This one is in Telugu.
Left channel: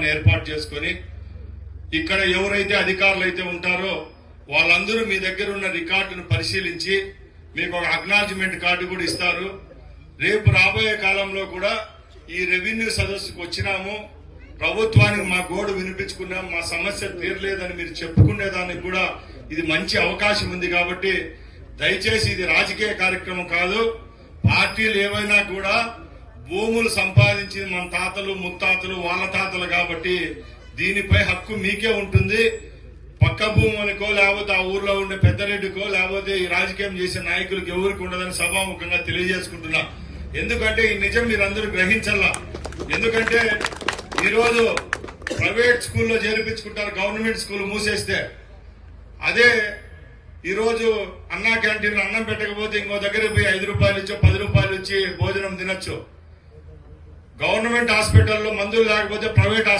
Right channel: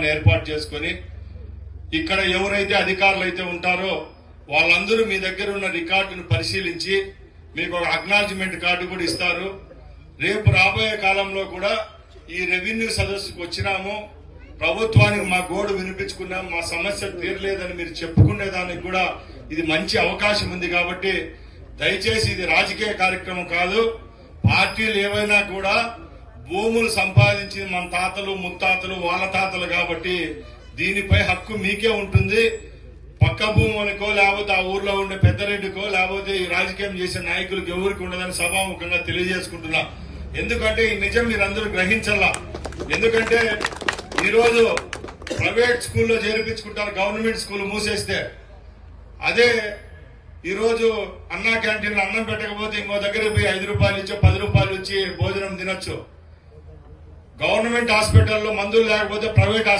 కార్యక్రమాన్ని ఏర్పాటు చేసుకుని ఇక్కడ ఎవరైతే అధికారులు అయితే ఉంటారో వాళ్ళందరూ మీ దగ్గర ఉన్న రికార్డును పరిశీలించి మీకు ఒక అక్నాలజ్మెంట్ కార్డు కూడా ఇస్తారు. రేపు రాబోయే కాలంలో కూడా ఈ రెవెన్యూ సదస్సుకు వచ్చినాము. ప్రభుత్వానికి మా గోడు వినిపించుకున్నాం మా సమస్య తీరలేదని మీరు చెప్పుకునే దానికి కూడా ఇది మంచి అవకాశం ఉంది కాబట్టి దయచేసి ఇది రాజకీయ కార్యక్రమం కాదు. పార్టీలు ఏవైనా కూడా భూములు సంపాదించింది మన తాతలు ముత్తాతలు వాళ్ళ తాతలు కాబట్టి దీనిపై హక్కు మీకే ఉంటుంది. పక్క భూములకో లేకపోతే ఆ ఊర్లో ఉండే పెద్దరెడ్డికో లేకపోతే ఈ రాజకీయం చేసే నాయకులకు ఎవరికి ఉండదని సభాముఖంగా తెలియజేసుకుంటున్నా. ఎందుకంటే ఈ నిజం మీరందరూ గ్రహించాలా ఎందుకంటే ఈరోజు ప్రైవేట్ స్కూల్లో చేర్పించుకుంటారు గవర్నమెంట్ స్కూల్ మూసేస్తే. అదే ఈరోజు అన్నా క్యాంటీన్ అన్నం పెట్టకపోతే ఇంకో దగ్గర పోయి ఐదు రూపాయలు ఇచ్చో పది రూపాయలు ఇచ్చి భోజనం తినొచ్చు. గవర్నమెంట్ హాస్పిటల్లో మందులు లేకపోతే ప్రైవేట్